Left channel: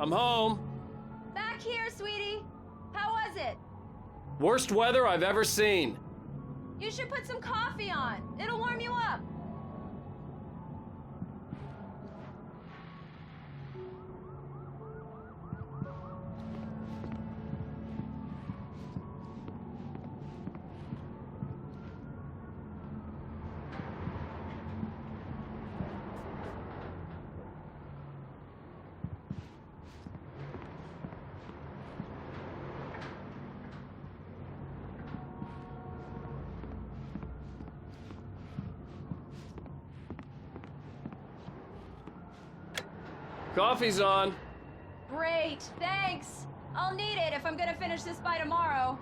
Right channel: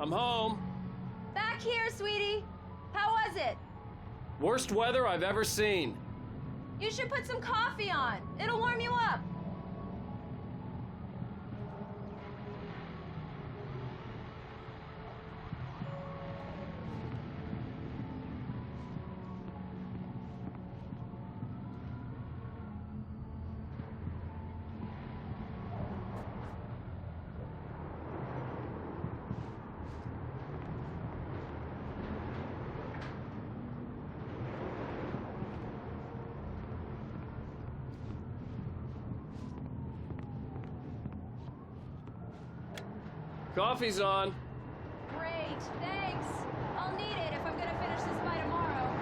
I'm home. Back here, sweetie. How was it? Worst weather I've ever seen. You should put some coffee on. It'll warm you up. Coffee's on. Great, thanks. I'll need it if I'm gonna finish this by tomorrow.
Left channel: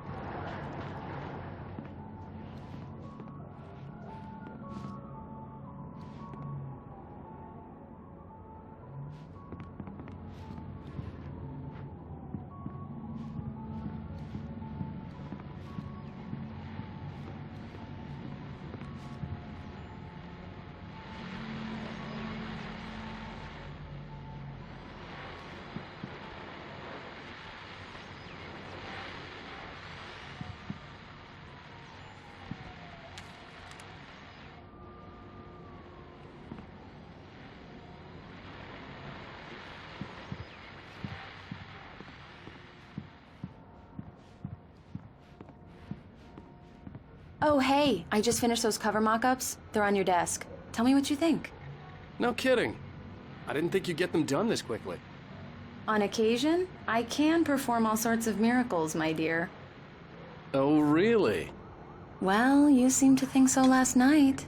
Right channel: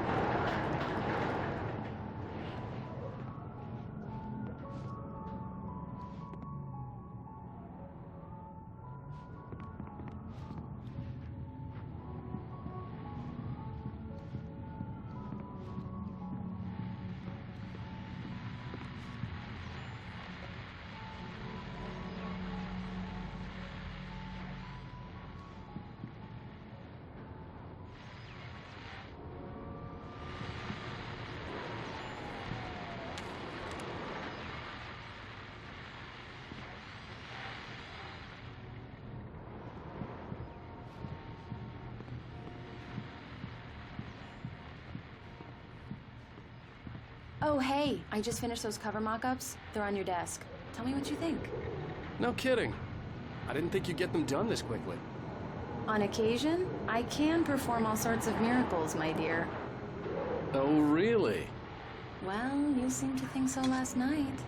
Oh, hey, I just finished those cover mock-ups. They're on your desk. Tell me what you think. No kidding. I didn't think you'd get them done this quickly. On occasion, I can perform all sorts of miracles, my dear. Oh, really? Well, you seemed to think so last night.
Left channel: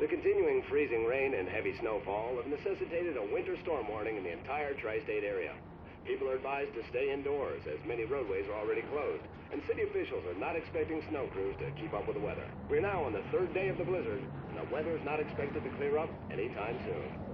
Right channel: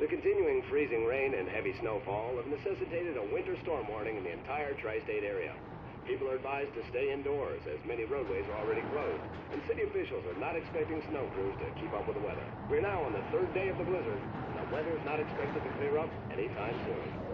The continuing freezing rain and heavy snowfall have necessitated a winter storm warning in the entire tri-state area. People are advised to stay indoors as many roadways are already closed, and city officials are not expecting snow crews to keep up with the weather. We're now on the third day of the blizzard, and the weather is not expected to clear up anytime soon.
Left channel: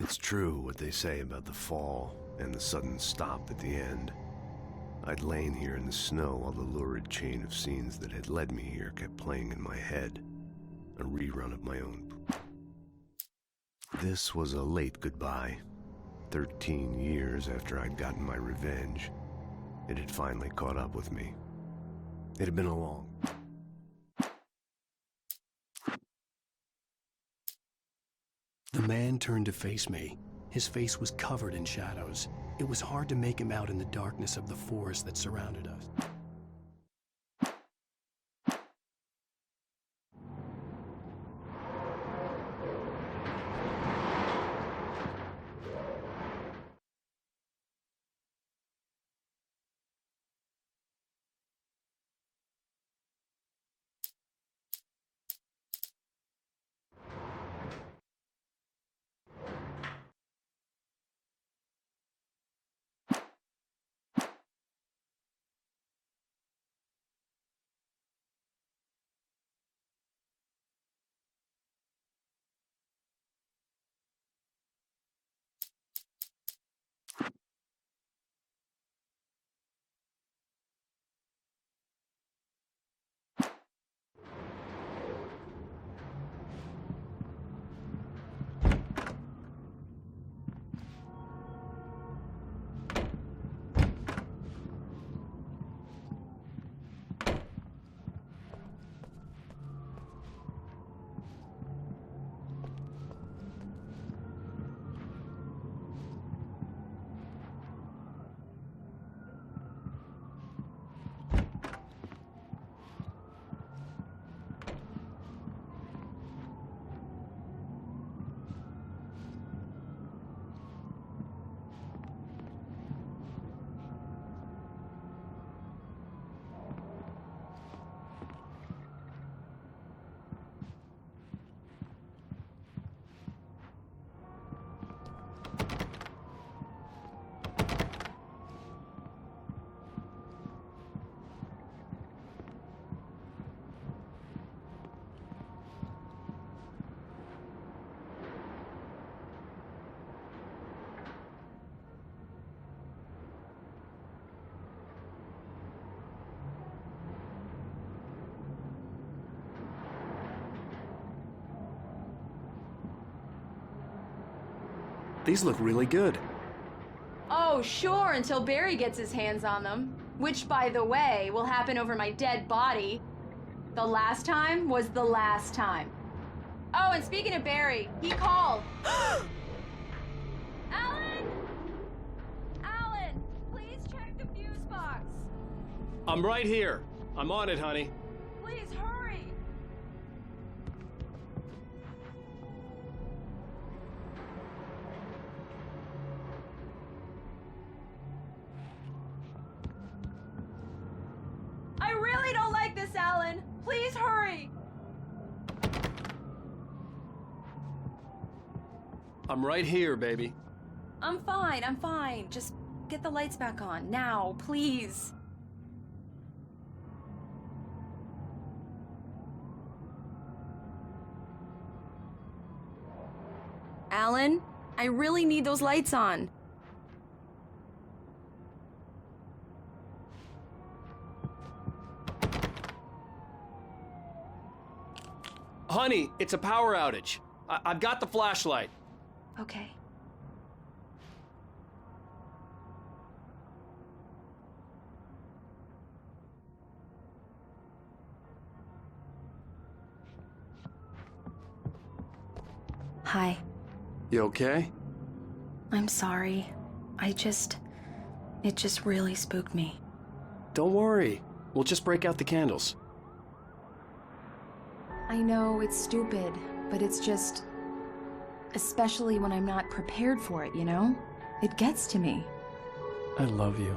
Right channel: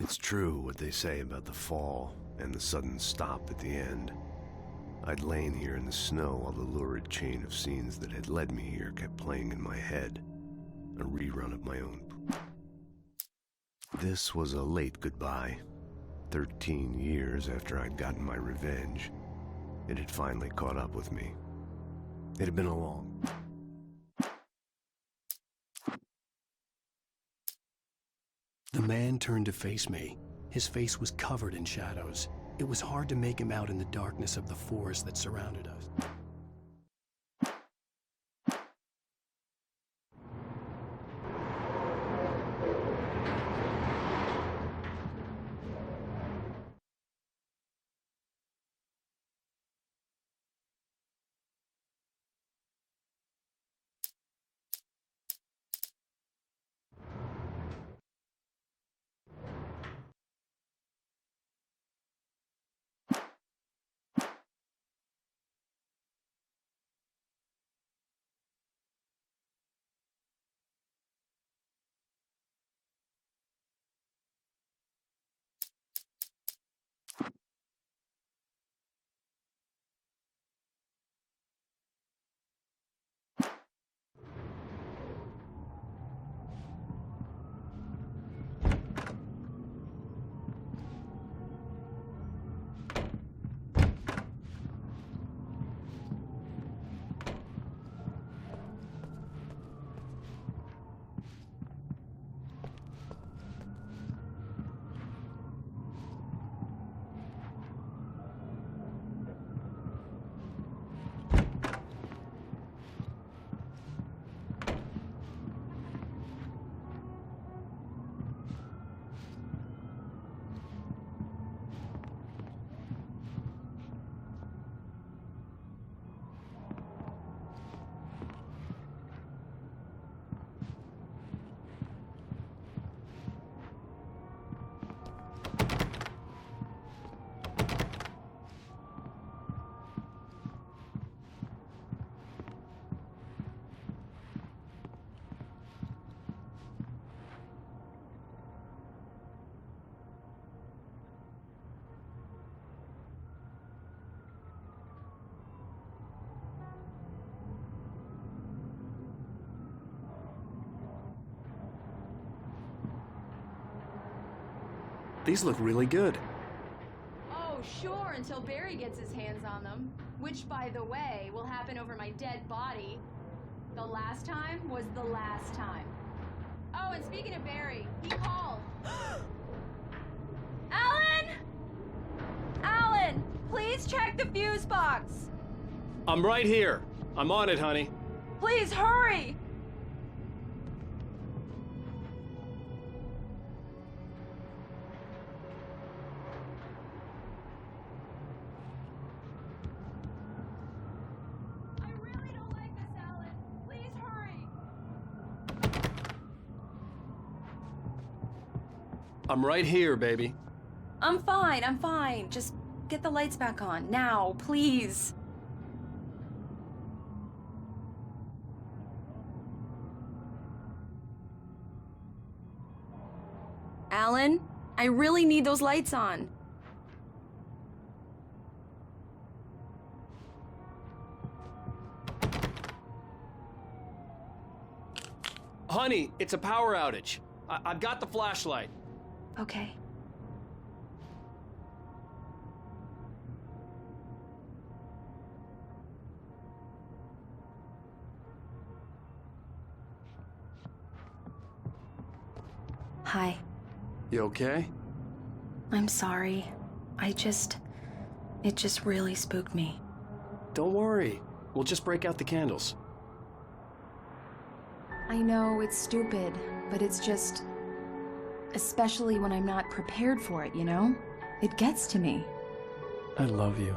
It's true what they say about the fall and the sudden stop at the end. I'd lain here in the snow while the lurid chain of scenes that had led me here kept playing in my head, a rerun of my own. This was a late goodbye. 13 years after I'd gotten my revenge, it had finally caught up with me. It had been a long... The man turned to face me. His face was covered in shadows. It was hard to make him out in the darkness of the forest that surrounded us. These look really good. Oh, sure, until Barry gets his hands on them. Which, by the way, will happen over my dead body. The last time was the last time. Oh, and speaking of Barry, he called. Alan! Alan, please check the fuse box. I'm right here. I'm on it, honey. Please hurry! I really don't like this, Alan. Please hurry! I'm right here, baby. I'm fine. Just get the lights back on. Now, please. Alan, I really need those lights on. Honey, it's a power outage. I've got the flashlight. Okay. Hi. You okay? I'm sorry. It just really spooked me. Don't worry. We'll just break out the candles. I know it's stupid, but it's just... Especially when I'm not prepared for it, you know? It gets to me. I love you.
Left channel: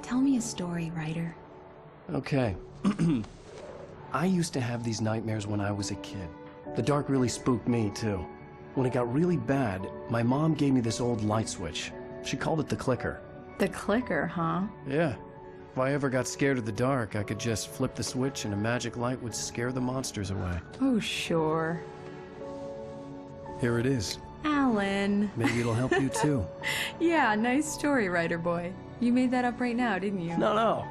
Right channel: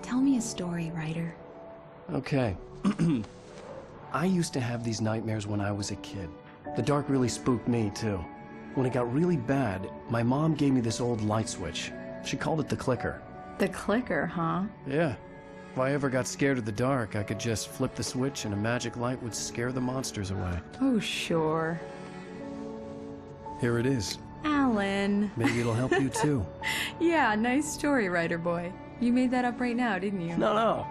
Tell me a story, writer. Okay. I used to have these nightmares when I was a kid. The dark really spooked me, too. When it got really bad, my mom gave me this old light switch. She called it the clicker. The clicker, huh? Yeah. If I ever got scared of the dark, I could just flip the switch and a magic light would scare the monsters away. Oh, sure. Here it is. Alan. adrenaline. Maybe it'll help you too. Yeah, nice story, writer boy. You made that up right now, didn't you? No.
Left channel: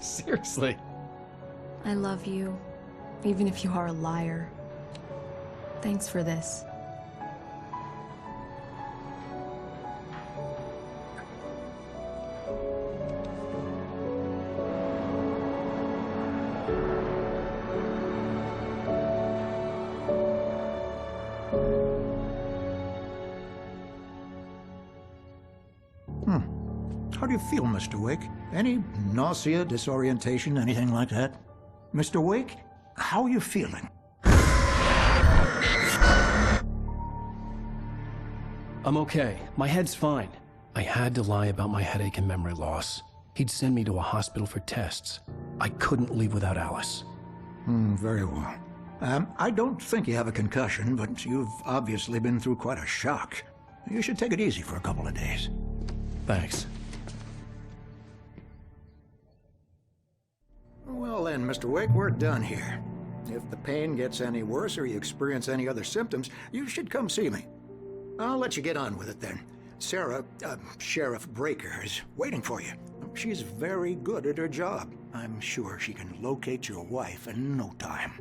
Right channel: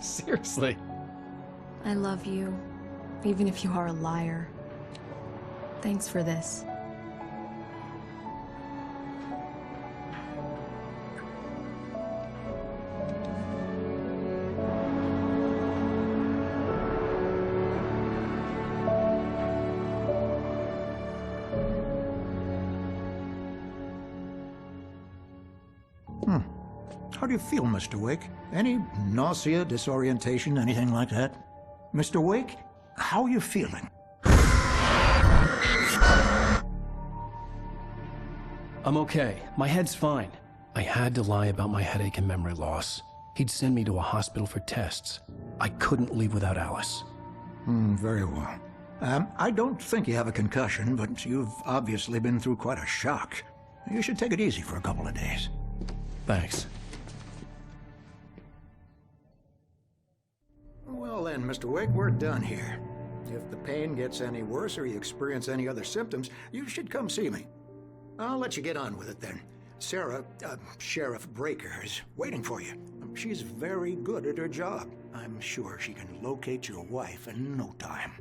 Seriously. I love you, even if you are a liar. Thanks for this. How do you feel, Mr. Wake? Any nausea, disorientation, anything like that? Mr. Wake, how are you feeling? I'm okay. My head's fine. I had to lie about my headache and memory loss. He'd send me to a hospital for tests. I couldn't leave without Alice. Very well. I don't think you have a concussion, but you've obviously been through quite a shock. You should take it easy for a couple of days. Thanks. Well then, Mr. Wake, we're done here. If the pain gets any worse or you experience any other symptoms, you should come see me. I'll let you get on with it then. Sarah, Sheriff Breaker, is waiting for you. She's very good at her job. I'm sure she can locate your wife in no time.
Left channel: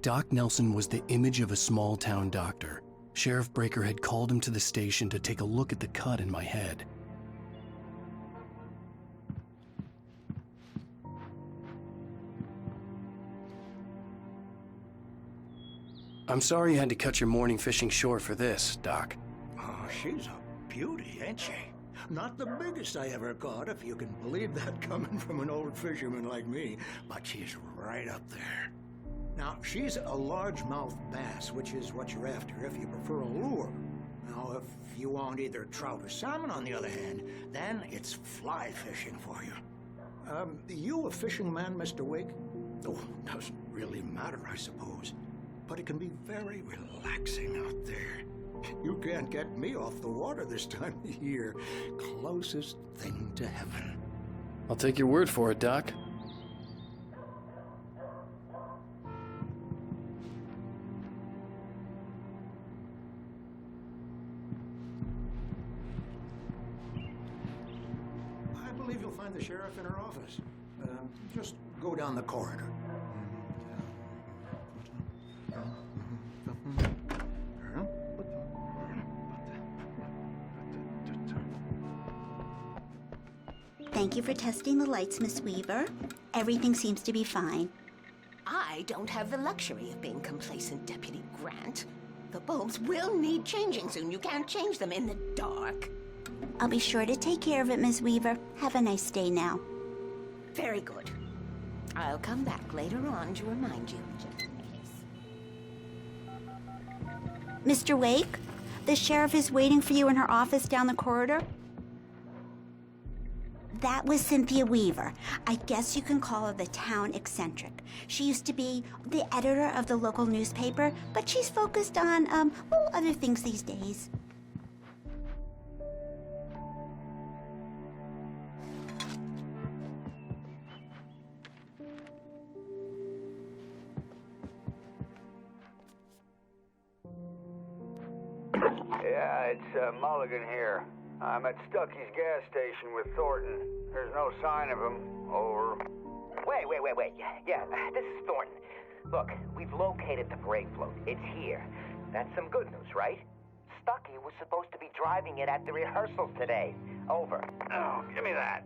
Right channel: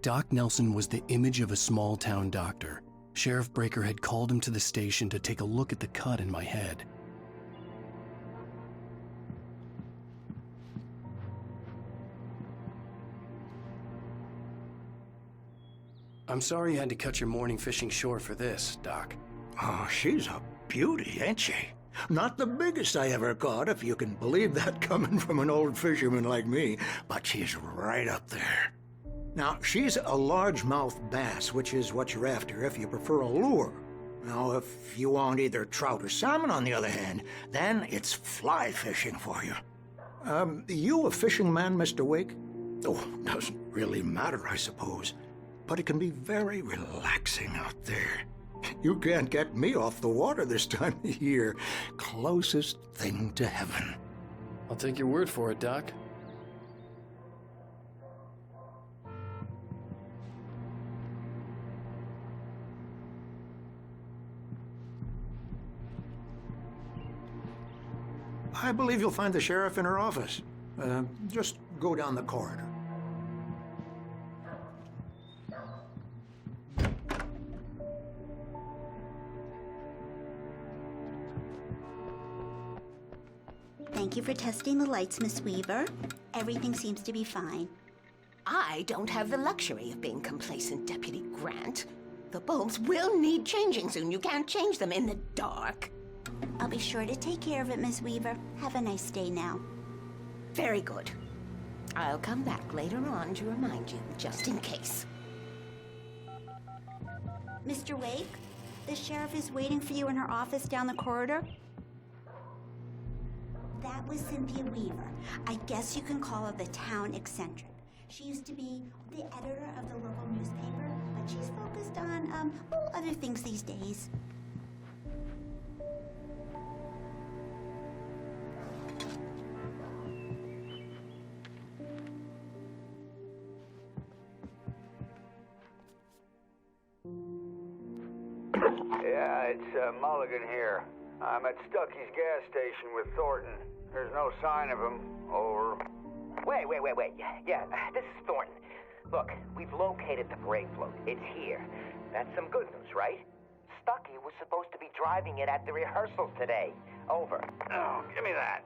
Doc Nelson was the image of a small-town doctor. Sheriff Breaker had called him to the station to take a look at the cut in my head. I'm sorry you had to cut your morning fishing short for this, Doc. Oh, she's a beauty, ain't she? Not the biggest I ever caught, if you can believe that coming from an old fisherman like me, but she's right up there. Now, she's a largemouth bass, which is what you're after if you prefer a lure. Now, if you want either trout or salmon, on the other hand, then it's fly fishing for you. You a fishing man, Mr. Wake? Oh, doesn't really matter, I suppose. But it can be very relaxing out there. You can't get me off the water this time of year. Closest thing to heaven. I'll take your word for it, Doc. I believe you'll find the sheriff in her office. Just go down the corridor. Thank you for testing the lights, Miss Weaver. Everything seems to be fine. I don't have the luxury of being complacent, Deputy Grant. The bulbs will need changing soon. You can't change them in the dark. I'll be sure to take care of it, Miss Weaver. Have a nice day now. Very good. I'll come back later on to remind you, just in case. Mr. Wake, the sheriff is waiting for you in her office down the corridor. That was Cynthia Weaver. I guess you can call her the town eccentric. She used to be the editor of the local newspaper, but she's focused on, other things these days. Yeah, it's Mulligan here. I'm at Stucky's gas station with Thornton. There's no sign of him. Over. Wait. Yeah, this is Thornton. Look, we've located the parade float. It's here. That's some good news, right? Stucky was supposed to be driving it at the rehearsals today. Over. Oh, give me that.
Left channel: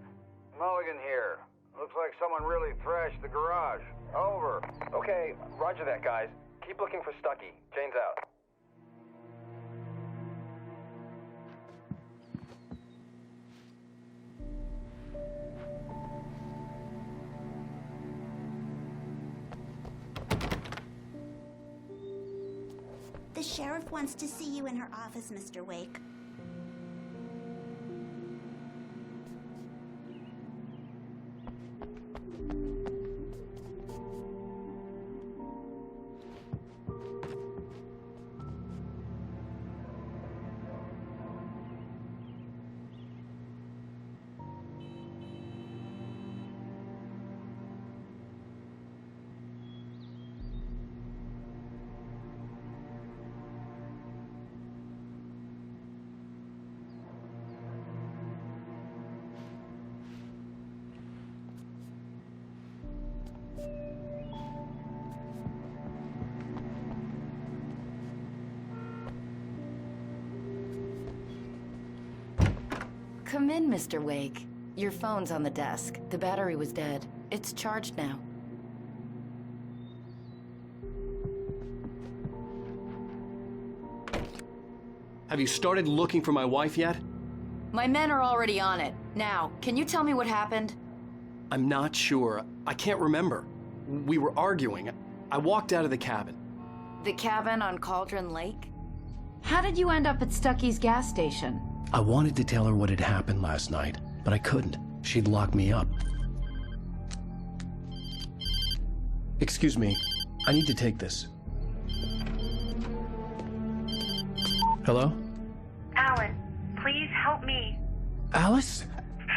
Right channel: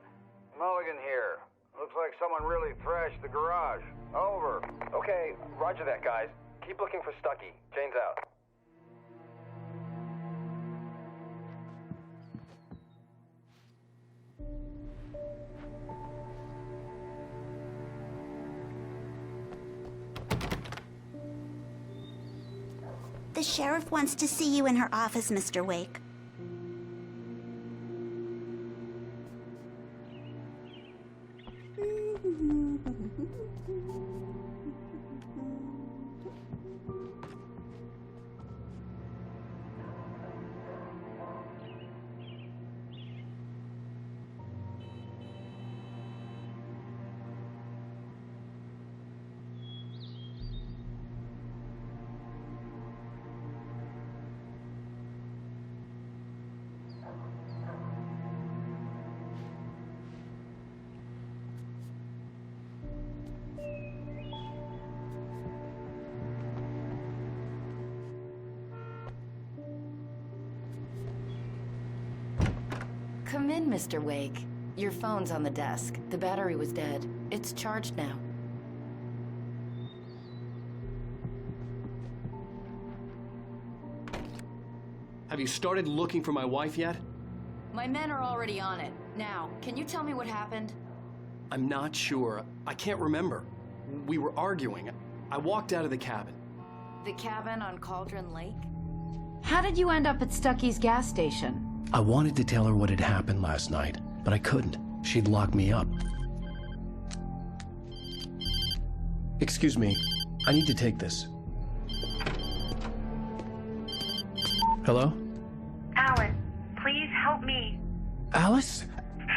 Mulligan here. Looks like someone really thrashed the garage. Over. Okay, roger that, guys. Keep looking for Stucky. Jane's out. The sheriff wants to see you in her office, Mr. Wake. Come in, Mr. Wake. Your phone's on the desk. The battery was dead. It's charged now. Have you started looking for my wife yet? My men are already on it. Now, can you tell me what happened? I'm not sure. I can't remember. We were arguing. I walked out of the cabin. The cabin on Cauldron Lake? How did you end up at Stucky's gas station? I wanted to tell her what had happened last night, but I couldn't. She'd lock me up. Excuse me. I need to take this. Hello? Alan, please help me. Alice?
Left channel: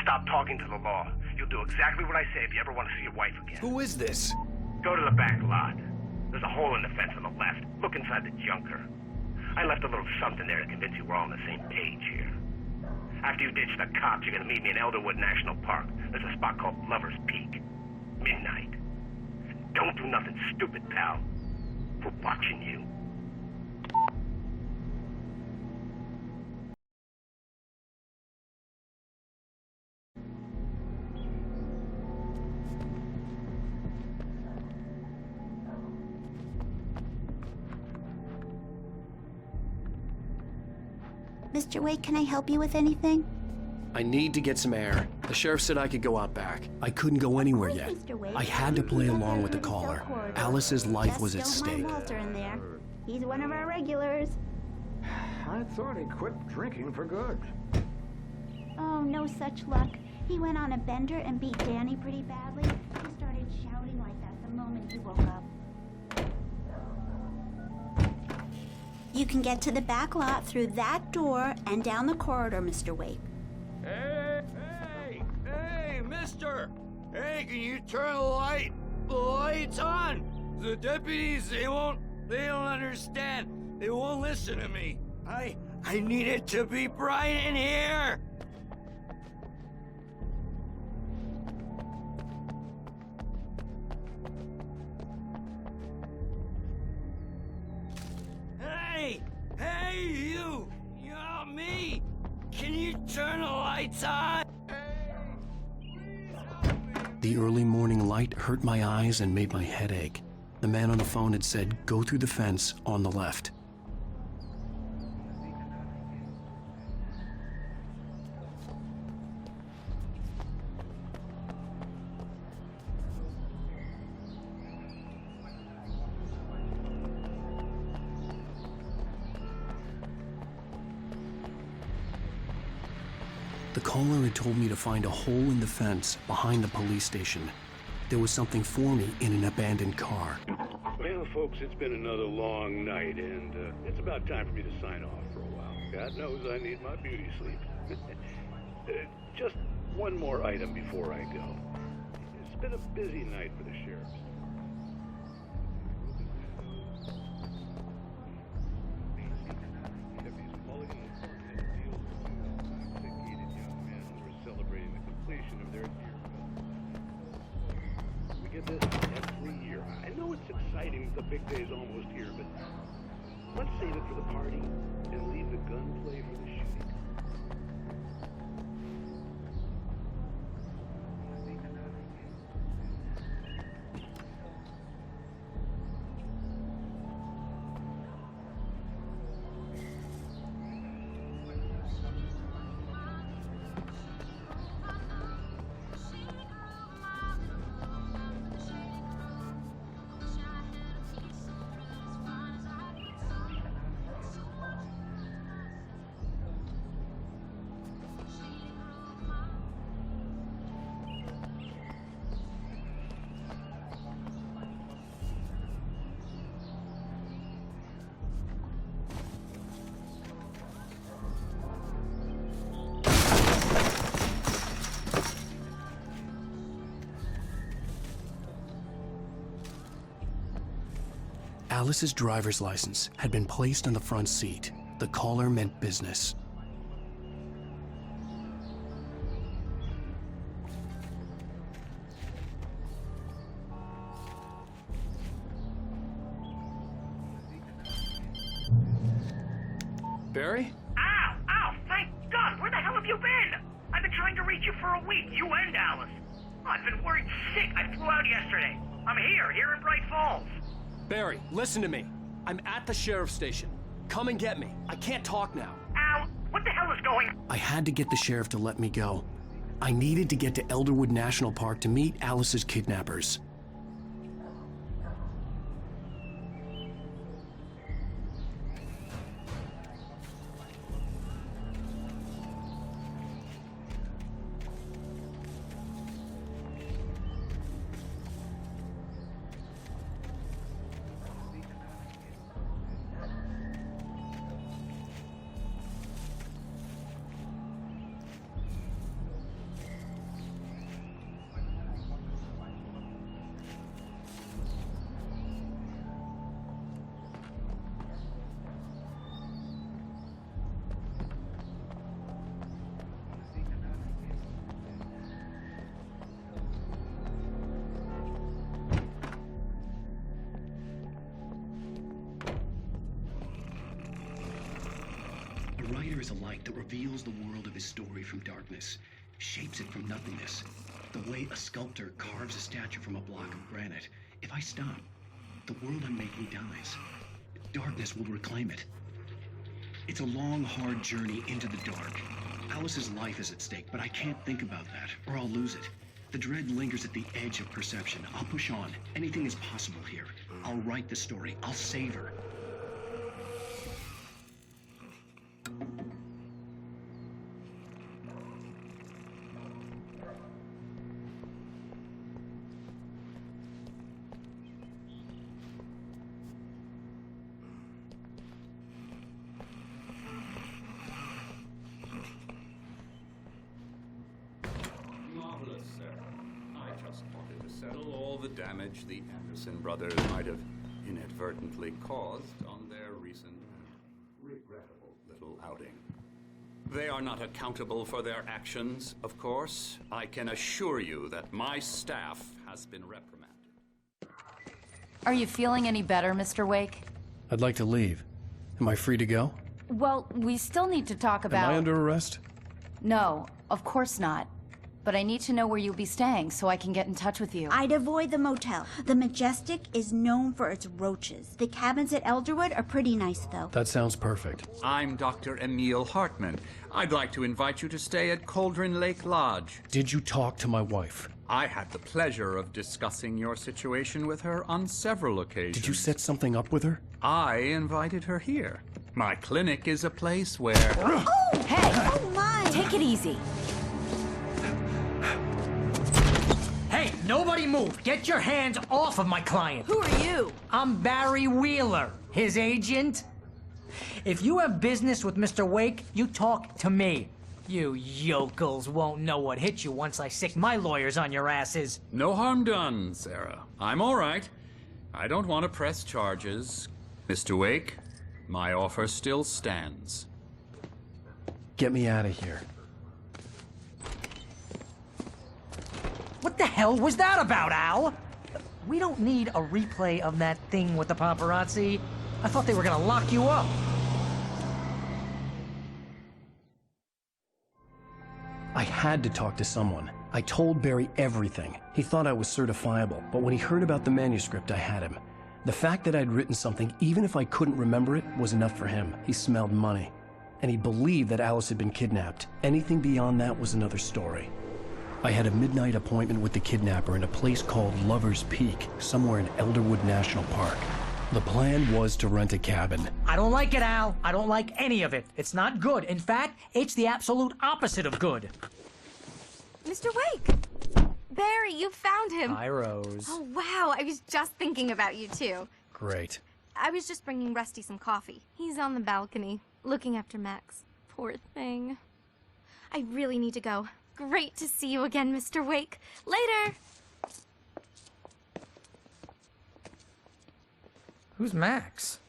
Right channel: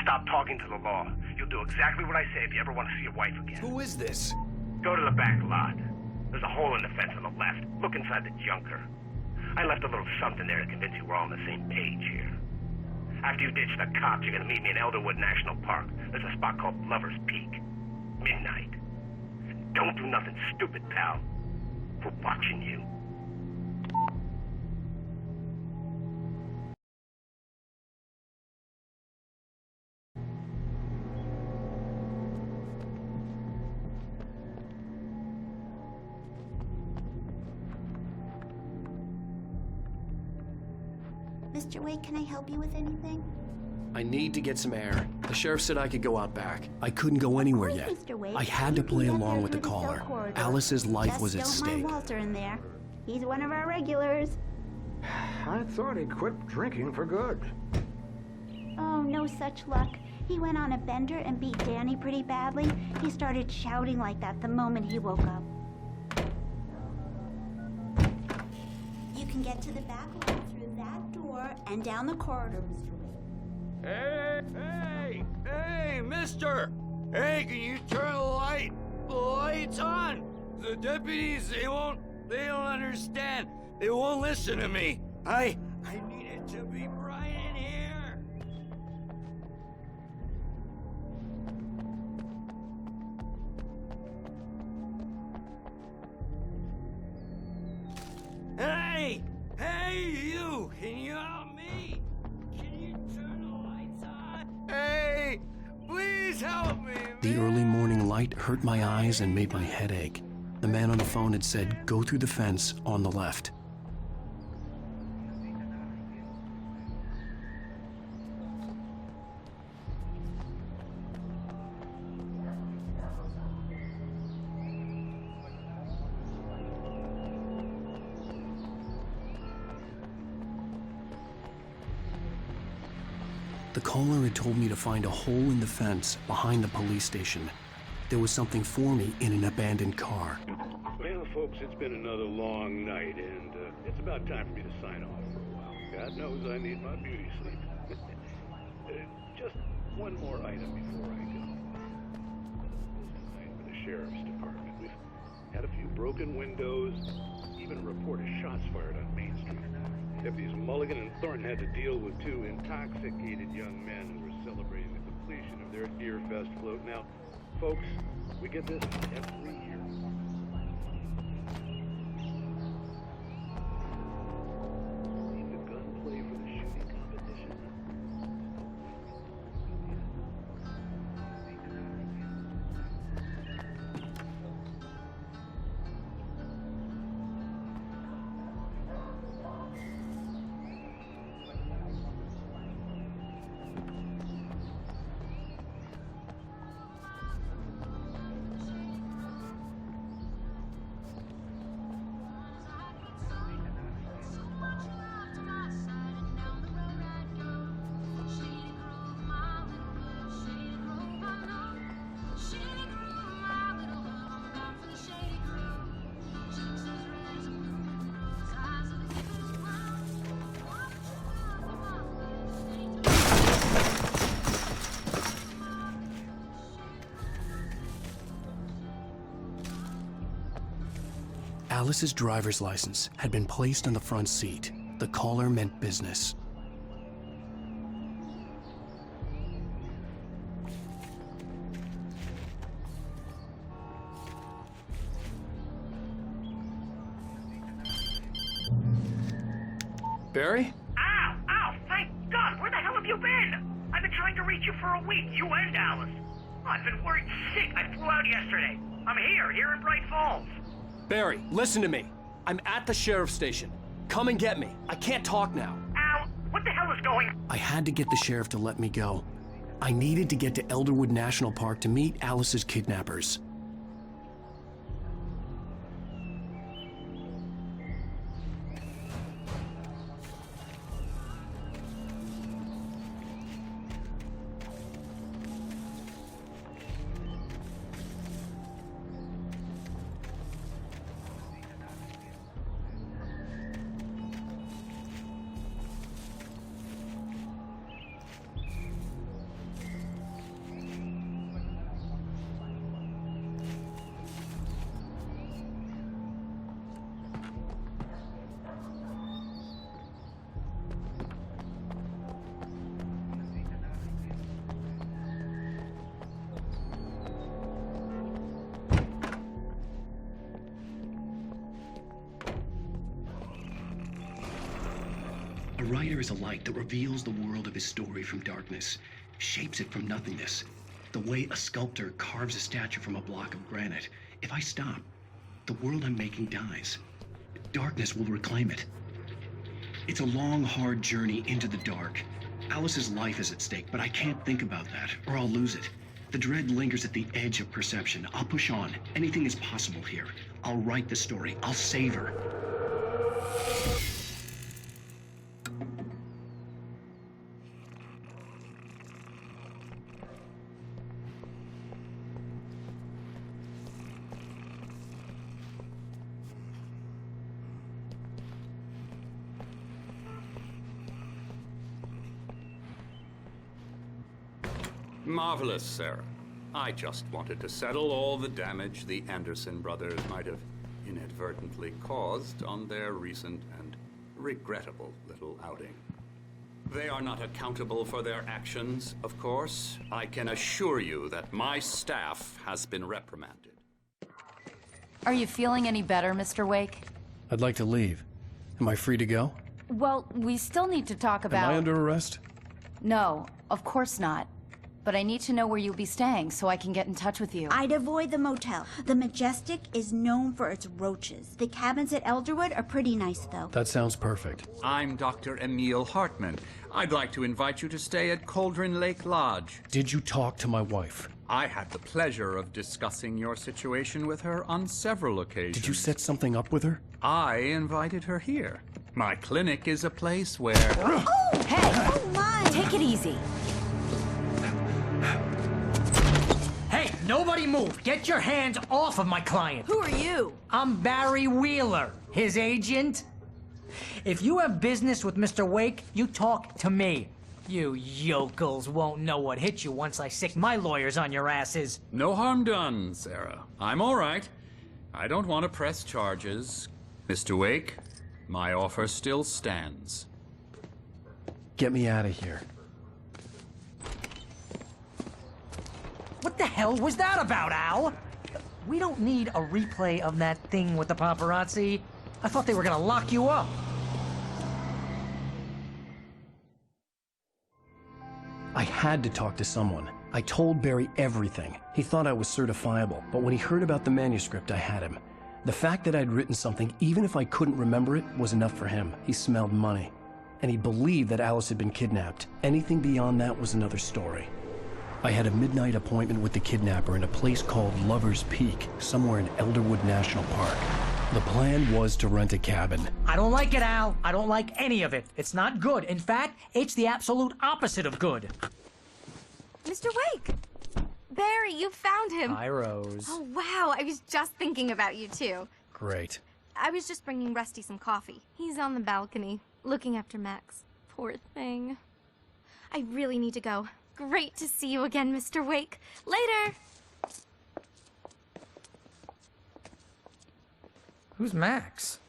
Stop talking to the law. You'll do exactly what I say if you ever want to see your wife again. Who is this? Go to the back lot. There's a hole in the fence on the left. Look inside the junker. I left a little something there to convince you we're all on the same page here. After you ditch the cops, you're gonna meet me in Elderwood National Park. There's a spot called Lover's Peak. Midnight. Don't do nothing stupid, pal. We're watching you. Mr. Wake, can I help you with anything? I need to get some air. The sheriff said I could go out back. I couldn't go anywhere yet. Mr. Wake. I had to play along with the Through cell caller. corridor. Alice's life Just was at don't stake. mind Walter in there. He's one of our regulars. I thought he'd quit drinking for good. Oh, no such luck. He went on a bender and beat Danny pretty badly. He started shouting like that the moment he woke up. You can get to the back lot through that door and down the corridor, Mr. Wake. Hey, mister! Hey, can you turn the lights on? The deputies, they don't understand. They won't listen to me. I need it to be bright in here. Hey, you! Can you help me? Can you turn the lights on? Hey, please help me, man. The early morning light hurt my eyes and made my head ache. The man on the phone had said, go through the fence on the left. The caller had told me to find a hole in the fence behind the police station. There was something for me in an abandoned car. Well, folks, it's been another long night, and it's about time for me to sign off for a while. God knows I need my beauty sleep. Just one more item before I go. It's been a busy night for the sheriff's department. We've had a few broken windows, even a report of shots fired on Main Street. Deputies Mulligan and Thornton had to deal with two intoxicated young men who were celebrating the completion of their Deerfest float. Now, folks, we get this every year. I know it's exciting, the big day's almost here, but let's save it for the party and leave the gunplay for the shooting competition. Alice's driver's license had been placed on the front seat. The caller meant business. Barry? Ow! Thank God! Where the hell have you been? trying to reach you for a week, you and Alice. I've been worried sick. I flew out yesterday. I'm here in Bright Falls. Barry, listen to me. I'm at the sheriff's station. Come and get me. I can't talk now. Al, what the hell is going on? I had to get the sheriff to let me go. I needed to get to Elderwood National Park to meet Alice's kidnappers. A writer is a light that reveals the world of his story from darkness, shapes it from nothingness. The way a sculptor carves a statue from a block of granite. If I stop, the world I'm making dies. Darkness will reclaim it. It's a long, hard journey into the dark. Alice's life is at stake, but I can't think about that, or I'll lose it. The dread lingers at the edge of perception. I'll push on. Anything is possible here. I'll write the story. I'll save her. Marvelous, Sarah. I just wanted to settle all the damage the Anderson brothers might have inadvertently caused on their recent and regrettable little outing. They are not accountable for their actions, of course. I can assure you that my staff has been reprimanded. Are you feeling any better, Mr. Wake? I'd like to leave. Am I free to go? Well, we still need to talk about... Am I under arrest? No, of course not. But I need to know where you'll be staying so I can get in touch with you. I'd avoid the motel. The Majestic is known for its roaches. The cabins at Elderwood are pretty nice, though. That sounds perfect. I'm Dr. Emil Hartman. I'd like to invite you to stay at Cauldron Lake Lodge. Did you talk to my wife? I had the pleasure of discussing your situation with her on several occasions. Did you set something up with her? I invited her here. My clinic is a place where... Oh, hey! Oh, my! Take it easy. Hey, nobody move! Get your hands off of my client! Who are you? I'm Barry Wheeler, his agent. If you have business with Mr. Wake, you talk to me. You yokels won't know what hit you once I sick my lawyers on your asses. No harm done, Sarah. I'm all right. I don't want to press charges. Mr. Wake, my offer still stands. Get me out of here. What the hell was that about, Al? We don't need a replay of that thing with the paparazzi. I thought they were gonna lock you up. I had to talk to someone. I told Barry everything. He thought I was certifiable, but when he heard about the manuscript, I had him. The fact that I'd written something, even if I couldn't remember it, was enough for him. He smelled money. And he believed that Alice had been kidnapped. Anything beyond that was another story. I had a midnight appointment with the kidnapper in a place called Lover's Peak, somewhere in Elderwood National Park. The plan was to rent a cabin. I don't like it, Al. I don't like any of it. It's not good. In fact, it's the absolute opposite of good. Mr. Wake! Barry, you found him. Hi, Rose. Oh, wow. I was just thinking about you, too. Great. I was just bringing Rusty some coffee. He's on the balcony, looking after Max. Poor thing. I really need to go. Great to see you again, Mr. Wake. Later! Who's Max?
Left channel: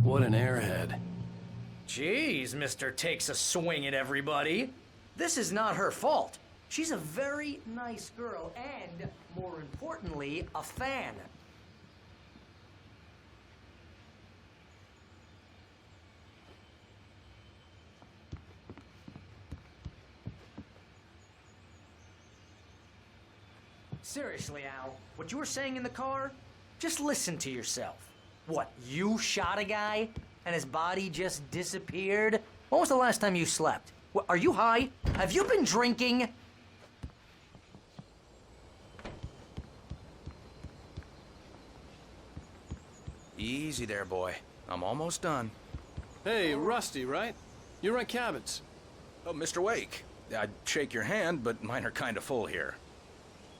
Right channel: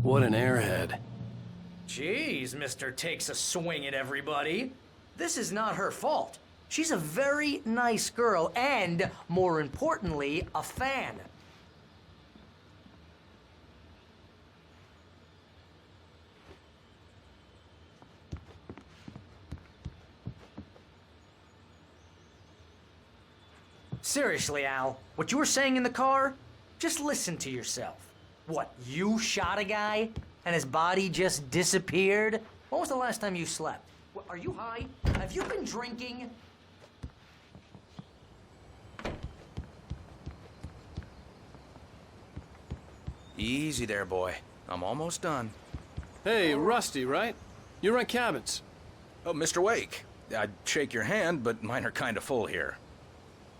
What an airhead. Jeez, Mr. Takes a swing at everybody. This is not her fault. She's a very nice girl and, more importantly, a fan. Seriously, Al, what you were saying in the car, just listen to yourself. What, you shot a guy and his body just disappeared? When was the last time you slept? What, are you high? Have you been drinking? Easy there, boy. I'm almost done. Hey, Rusty, right? You rent cabins. Oh, Mr. Wake. I'd shake your hand, but mine are kind of full here.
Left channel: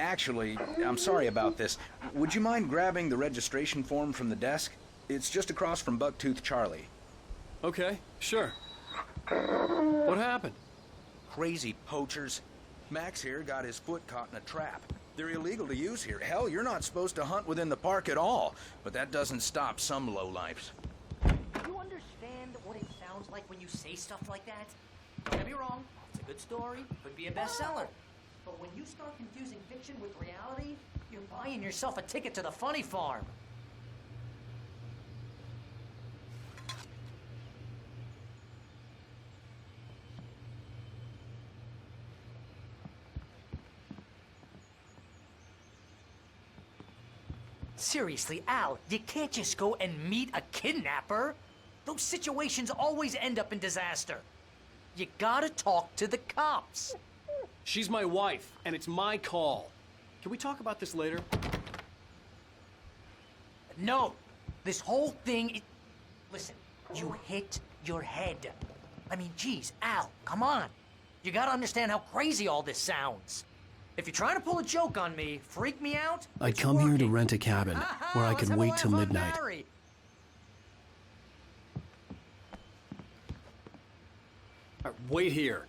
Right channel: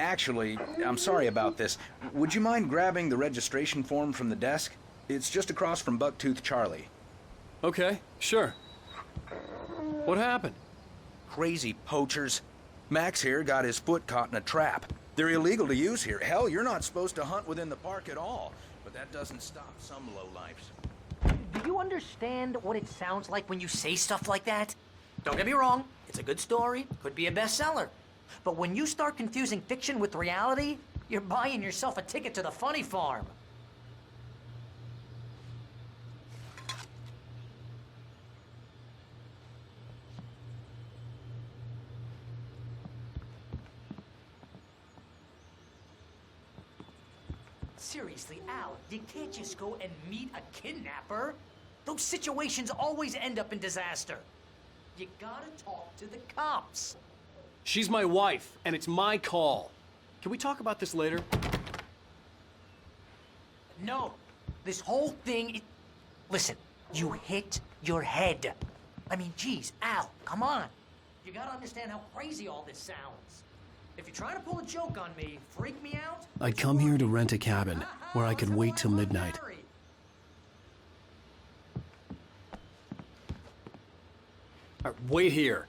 Actually, I'm sorry about this. Would you mind grabbing the registration form from the desk? It's just across from Bucktooth Charlie. Okay, sure. What happened? Crazy poachers. Max here got his foot caught in a trap. They're illegal to use here. Hell, you're not supposed to hunt within the park at all. But that doesn't stop some lowlifes. Do you understand what it sounds like when you say stuff like that? Don't get me wrong, it's a good story, could be a bestseller. But when you start confusing fiction with reality, you're buying yourself a ticket to the funny farm. Seriously, Al, you can't just go and meet a kidnapper. Those situations always end up in disaster. You gotta talk to the cops. She's my wife, and it's my call. Can we talk about this later? No, this whole thing Listen, you hit your head. I mean, geez, Al, come on. You gotta understand how crazy all this sounds. If you're trying to pull a joke on me, freak me out... I'd come here to rent a cabin, where I could wait till midnight. Wait here.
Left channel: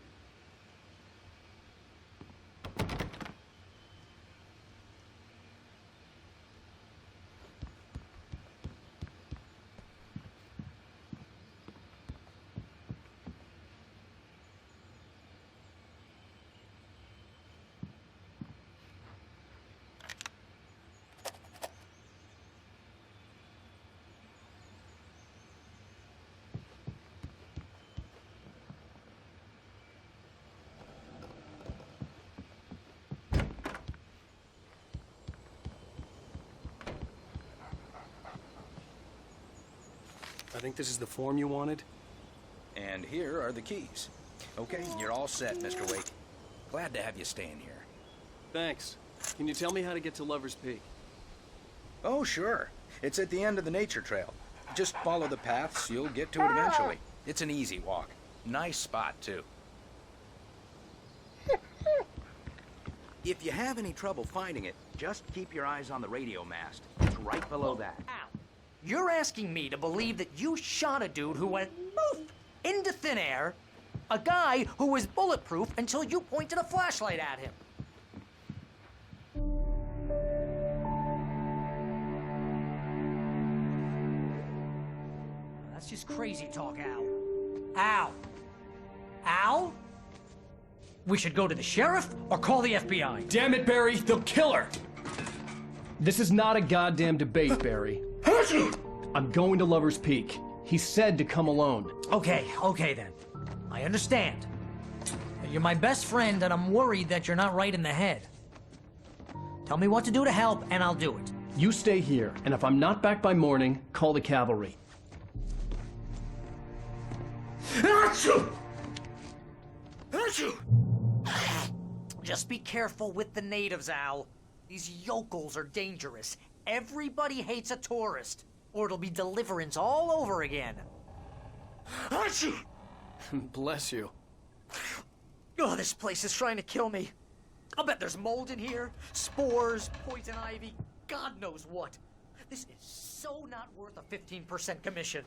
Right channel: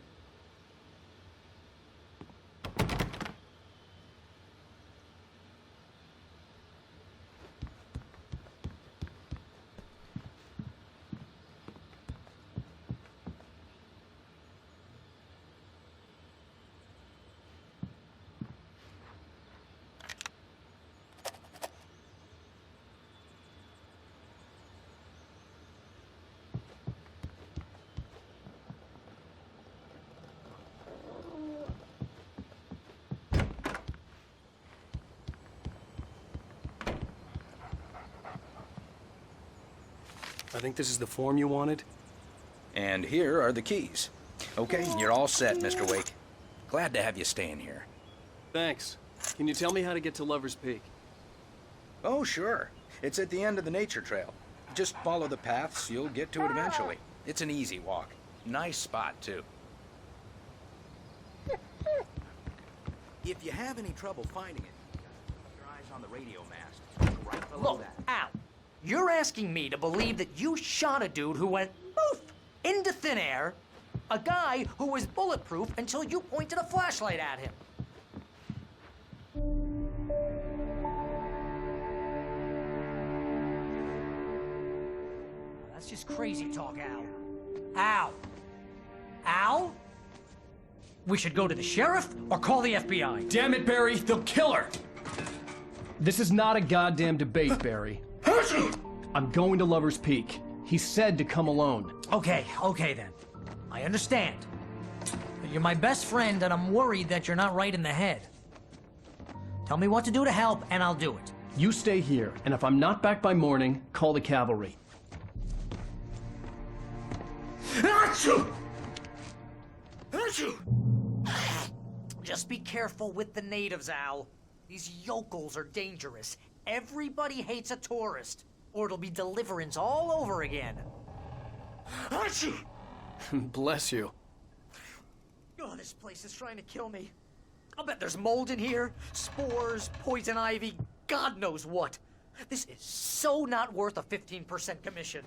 I think this is the form you wanted. And here are the keys. Okay, you're all set, Mr. Wake. Glad to have you staying here. Thanks. Can you tell me how to get to Lover's Peak? Oh, sure. It's at the end of the nature trail. Just follow the paths, you'll get to it eventually. It's an easy walk. Nice spot, too. If you have any trouble finding it, just keep your eyes on the radio mast. It's right below Look, that. Al, you're asking me to believe that you shot a dude who went poof into thin air, a guy who was bulletproof until you pointed a flashlight at him. That's just crazy talk, Al. Al? Al? We should go to the sheriff or call the FBI. Damn it, Barry, they'll kill her! This is not a goddamn debate, Barry. I'm going to Lover's Peak. He said to come alone. Okay then. I understand. You're my best friend, and I'm worried that you're not right in the head. Tell me what to do to help, and I'll do it. You stay here, and if I'm not back by morning, call the cavalry. Achoo! Achoo! Just be careful with the natives, Al. These yokels are dangerous. Everybody hates a tourist, or it'll be Deliverance all over again. Achoo! Bless you. Oh, this place is trying to kill me. I'll bet there's mold in here, spores, poison ivy, God knows what. This is so not worth a 15% commission.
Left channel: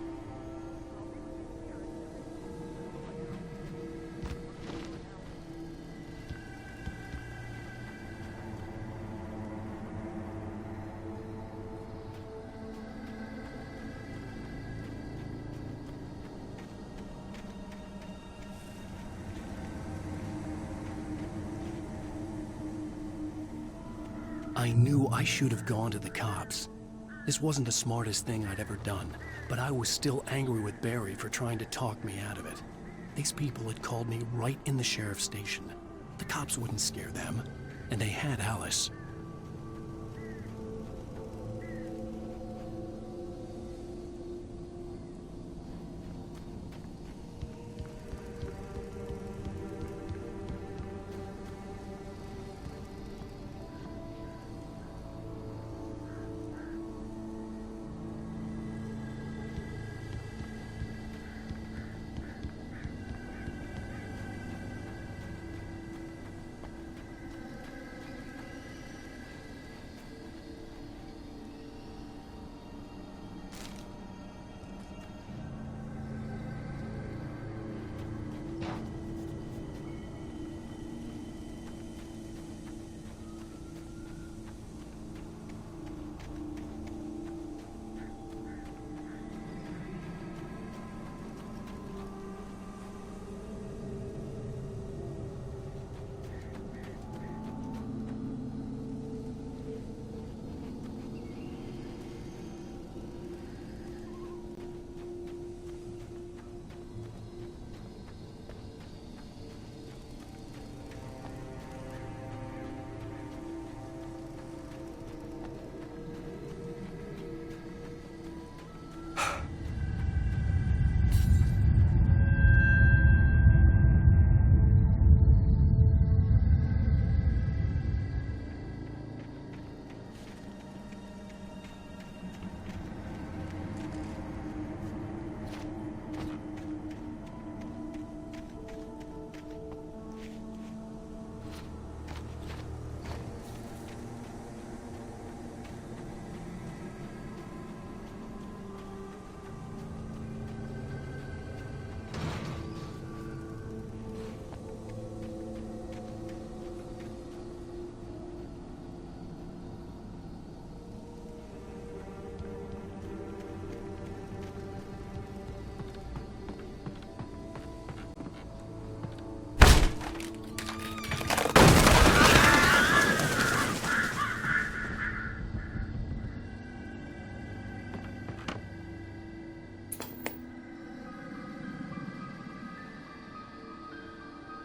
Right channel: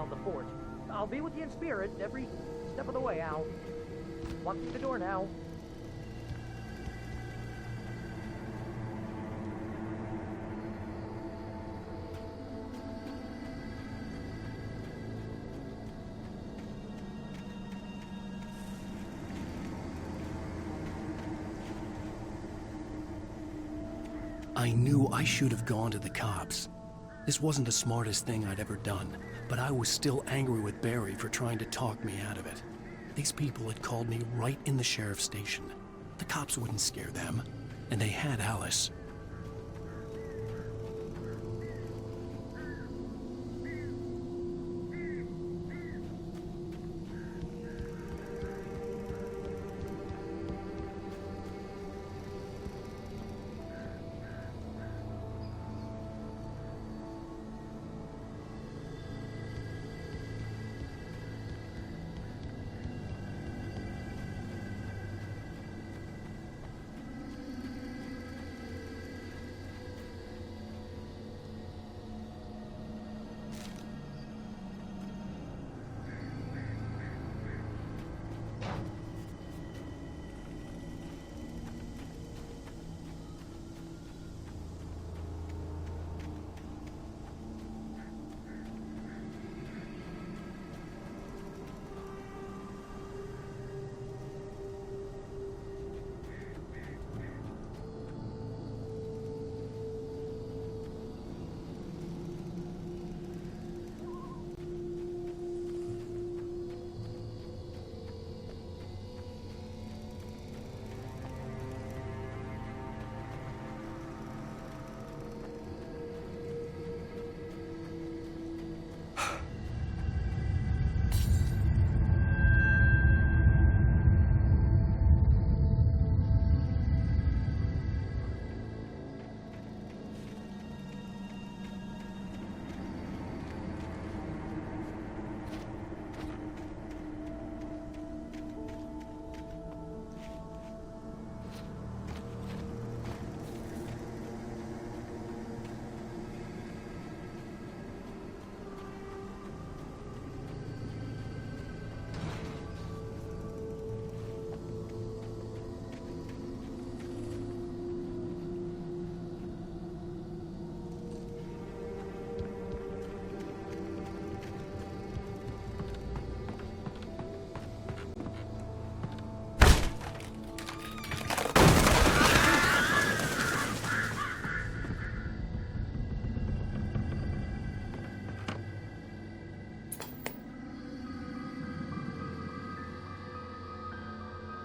around the fort. I'll be with you in spirit every step of the way, Al. Walk through the door now. I knew I should have gone to the cops. This wasn't the smartest thing I'd ever done, but I was still angry with Barry for trying to talk me out of it. These people had called me right in the sheriff's station. The cops wouldn't scare them, and they had Alice.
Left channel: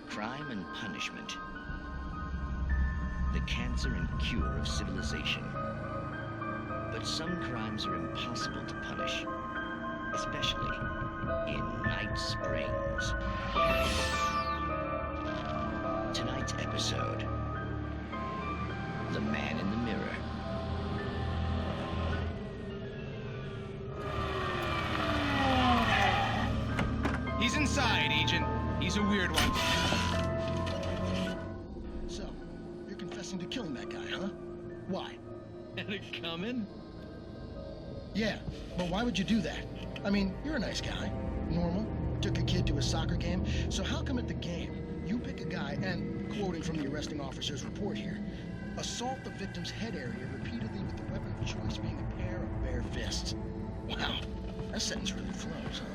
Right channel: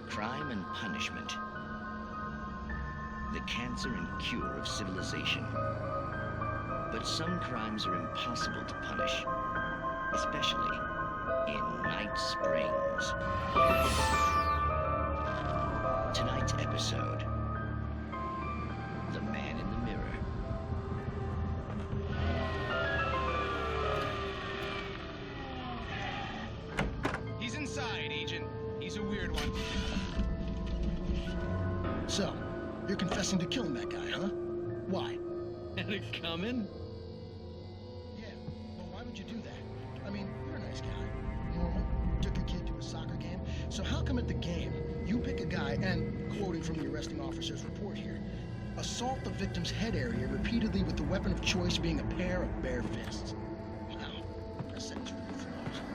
Crime and punishment. The cancer and cure of civilization. But some crimes are impossible to punish, especially in Night Springs. Tonight's episode, The Man in the Mirror. He's inside, Agent. He's a weird one. So, you're confessing to killing that guy, huh? Why? Had it coming? Yeah, but why would you do that? I mean, you're a nice guy. Normal. Took your kid to a soccer game. So how come at the game, you pick a guy and, quoting from the arresting officer's report here, assault the victim's head area repeatedly with the weapon of choice being a pair of bare fists? Wow, that sentence really flows, huh?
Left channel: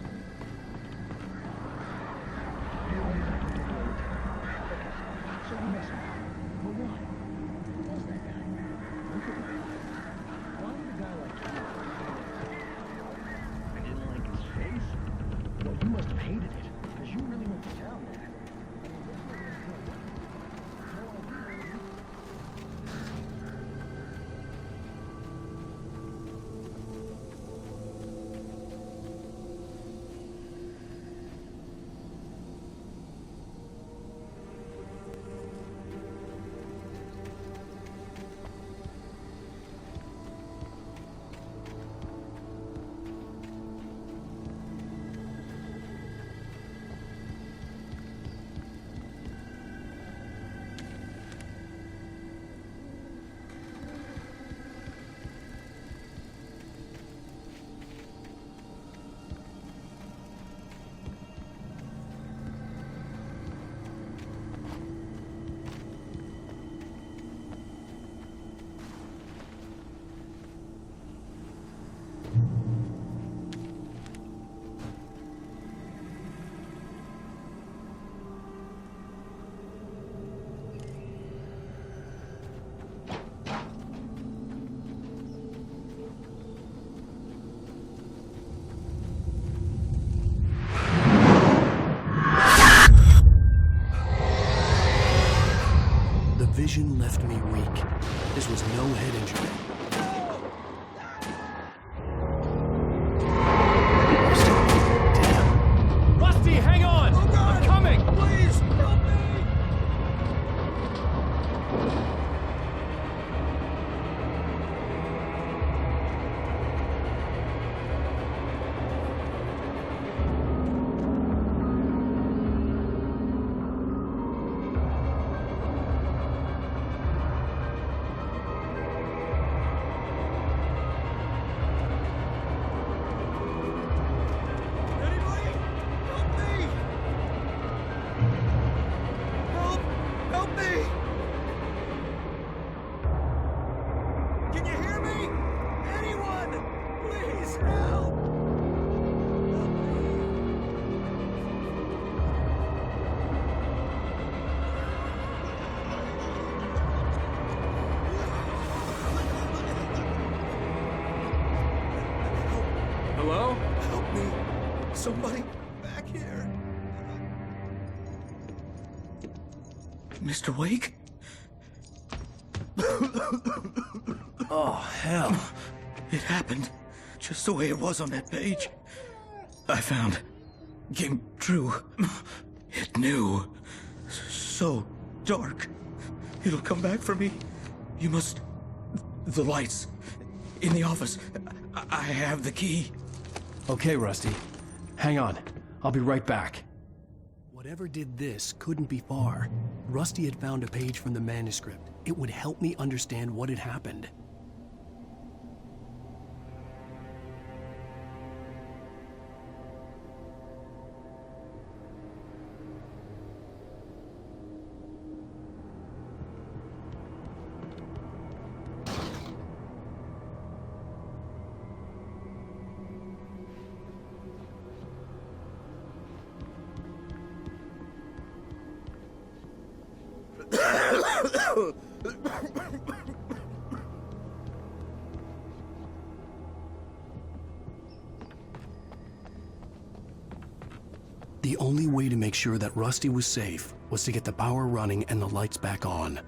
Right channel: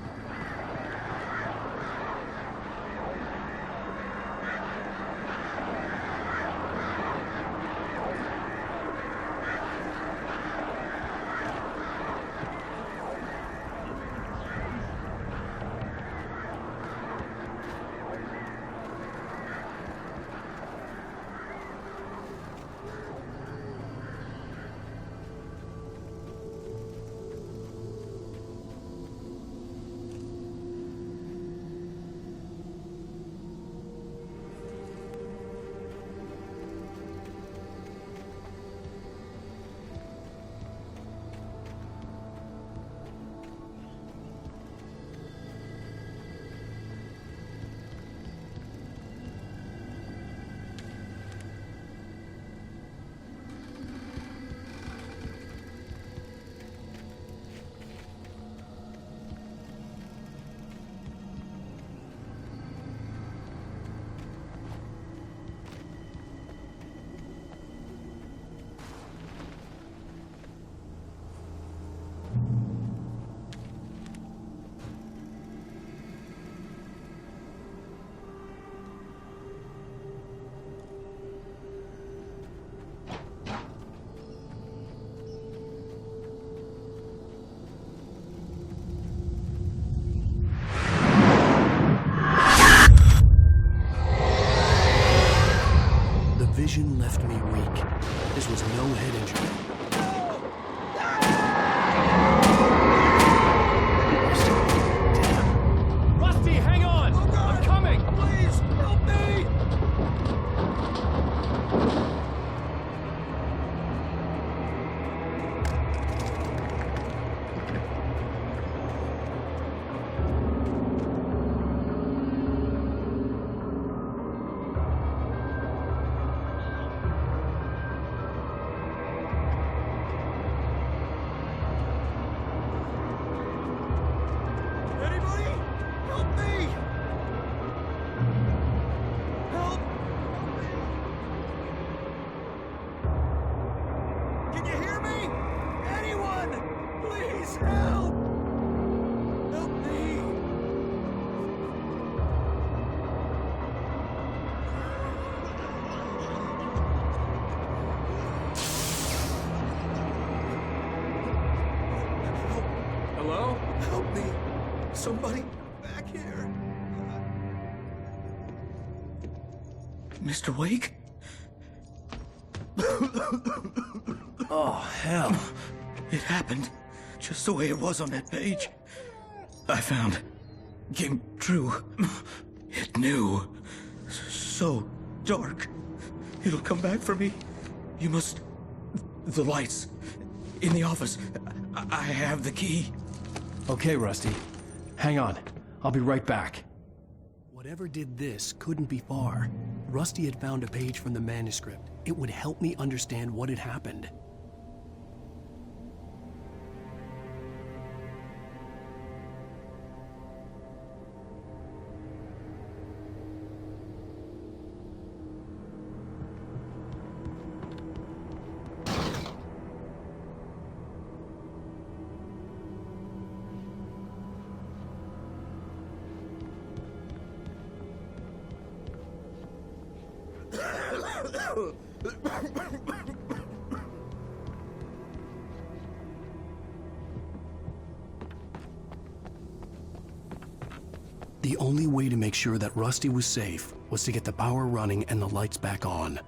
vision left me weak. This was no head injury. Rusty, hang on! Oh God. I'm coming! Please, help me! Anybody? Help me! Help! Help me! Can you hear me? Anyone! Please help! Help me! Hello? Help me! Somebody back here! Mr. Wake? Oh, hell. It happened just the way it was on that page. I found. Came true. It knew. So dark. It'll come back for me. You must. The lights. In the office. I have the key. Okay, Rusty. Hang on. I'll be right back. Whatever did this couldn't be far. Rusty had found a page from the manuscript. It would help me understand what had happened. The only way to make sure that Rusty was safe was to get the power running and the lights back on.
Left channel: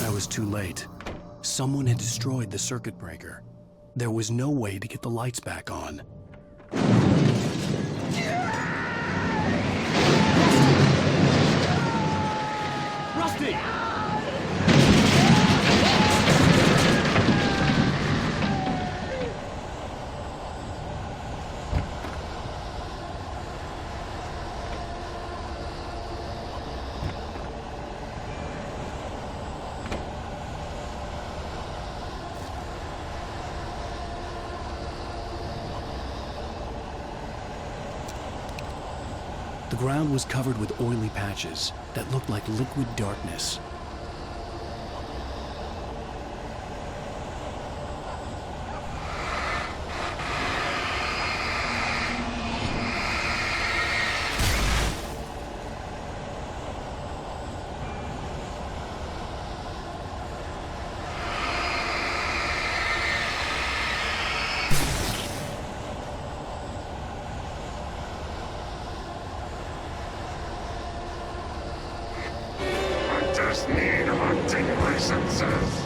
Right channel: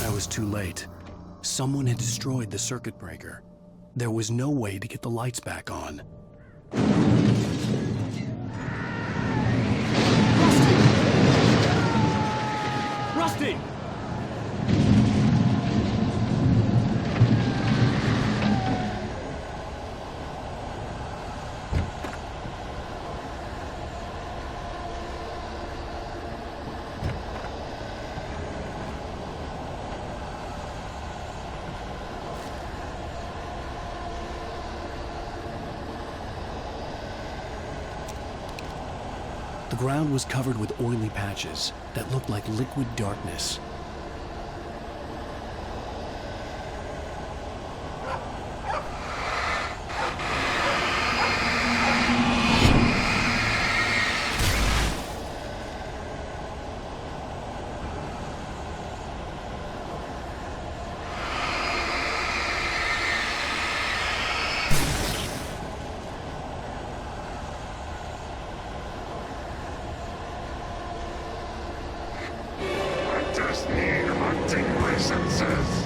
I was too late. Someone had destroyed the circuit breaker. There was no way to get the lights back on. Rusty! The ground was covered with oily patches that looked like liquid darkness. Hunters need hunting licenses.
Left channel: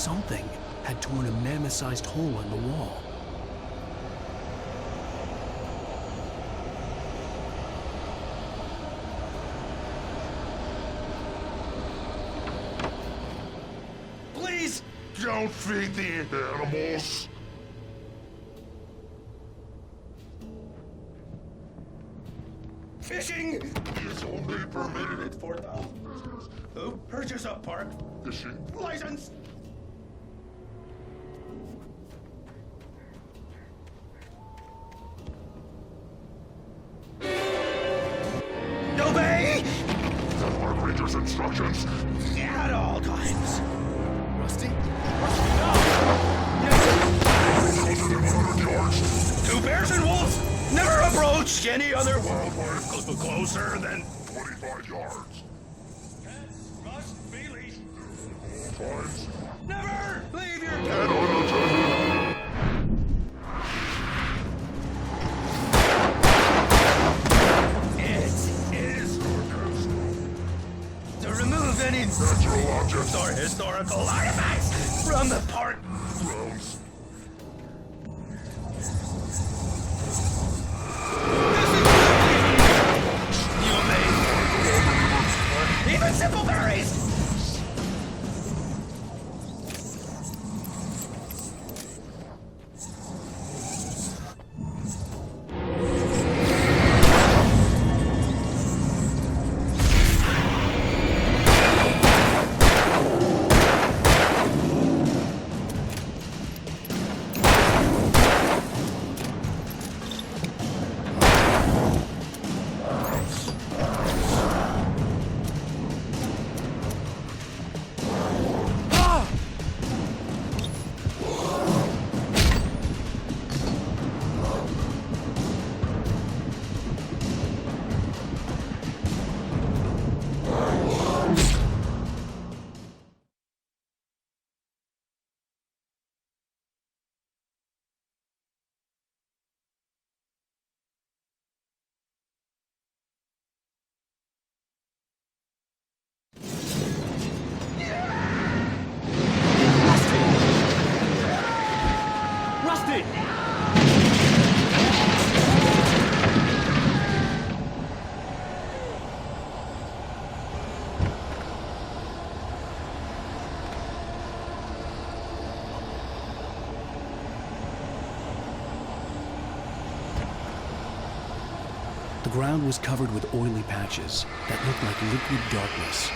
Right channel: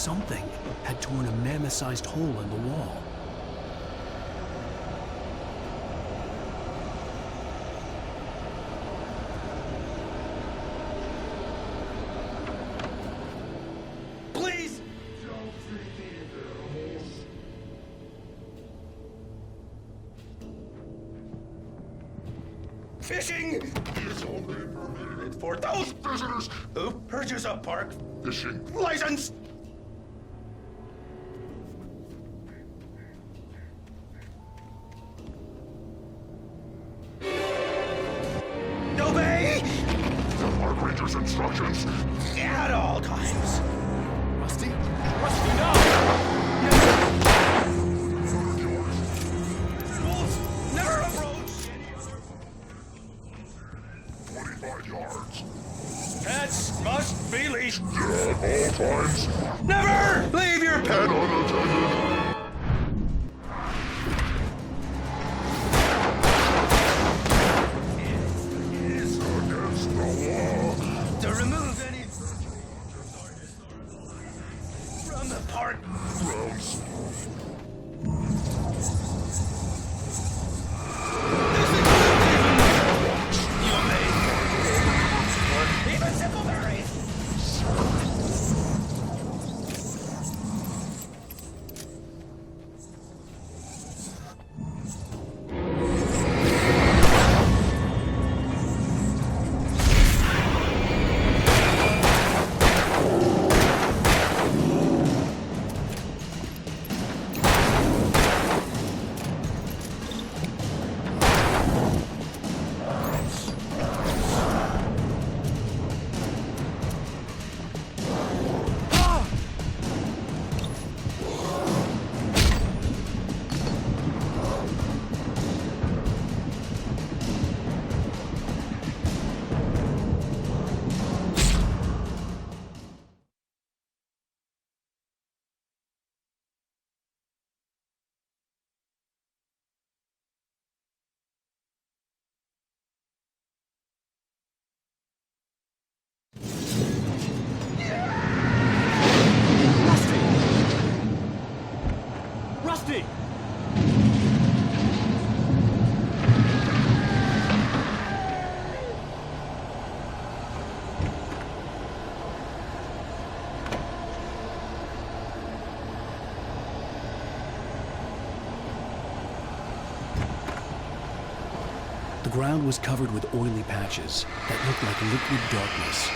Something had torn a mammoth-sized hole in the wall. Please! Don't feed the animals. Fishing is only permitted for those visitors who purchase a park fishing license. Obey the park ranger's instructions at all times. Rusty? Rusty, no! 1,100 yards. Two bears and wolves never approach any other wildlife closer than 25 yards. Pets must be leashed. At all times. Never leave your pet unattended. It is against the law to remove any natural objects or historical artifacts from the park grounds. Even simple berries! Rusty! The ground was covered with oily patches that looked like liquid darkness.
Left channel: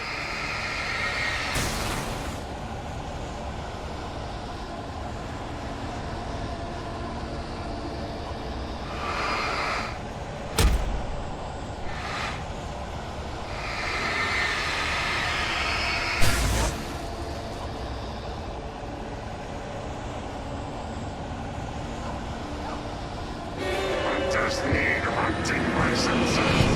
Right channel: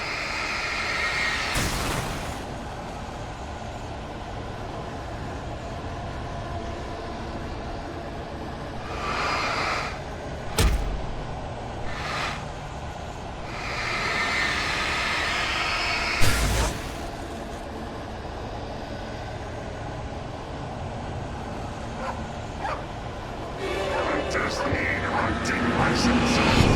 Hunters need hunting licenses.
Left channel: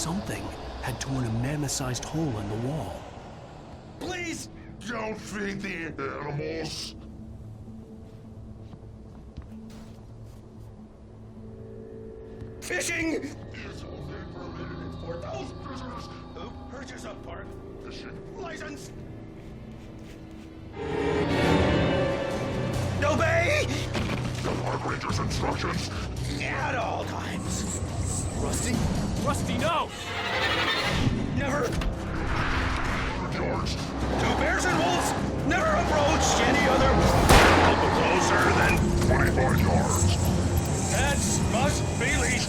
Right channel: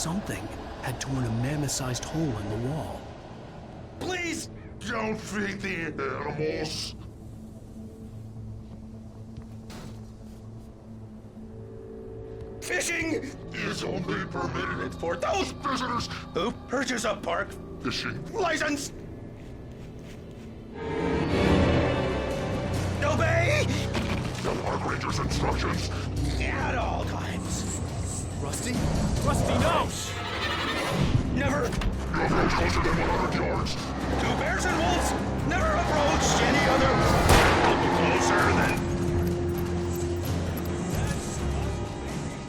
something had torn a mammoth-sized hole in the wall. Please! Don't feed the animals! Fishing is only permitted for those visitors who purchase a park fishing license. Obey the park ranger's instructions at all times. Rusty? Rusty, no! Never You approach closer than 100 yards. to bears and wolves. Never approach any other closer than 25 yards. pets must be leashed.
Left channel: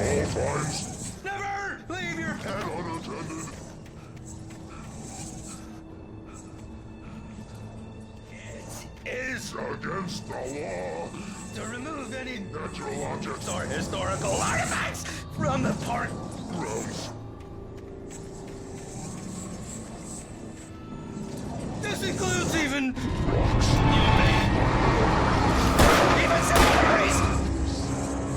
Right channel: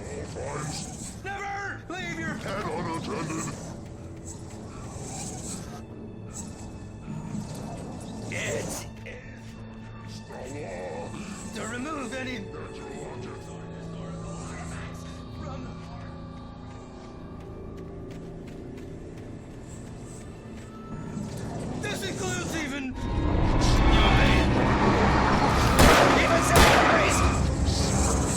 At all times. Never leave your And unattended. It is Against the law. to remove any Natural objects or historical artifacts from the park. grounds. This includes even Rocks. even cemeteries.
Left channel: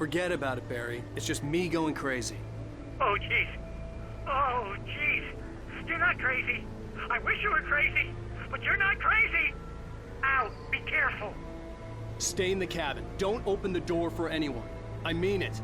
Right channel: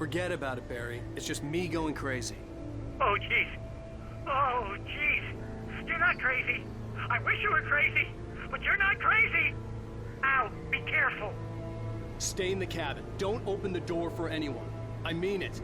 Forget about it, Barry. It's just me going crazy. Oh, jeez. Oh, jeez. You're not crazy. I wish you were crazy, but you're not crazy. Ow, be careful. Stay in the cabin. Don't open the door for anyone. I mean it.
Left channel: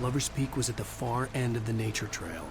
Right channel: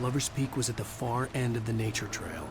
Lover's Peak was at the far end of the nature trail.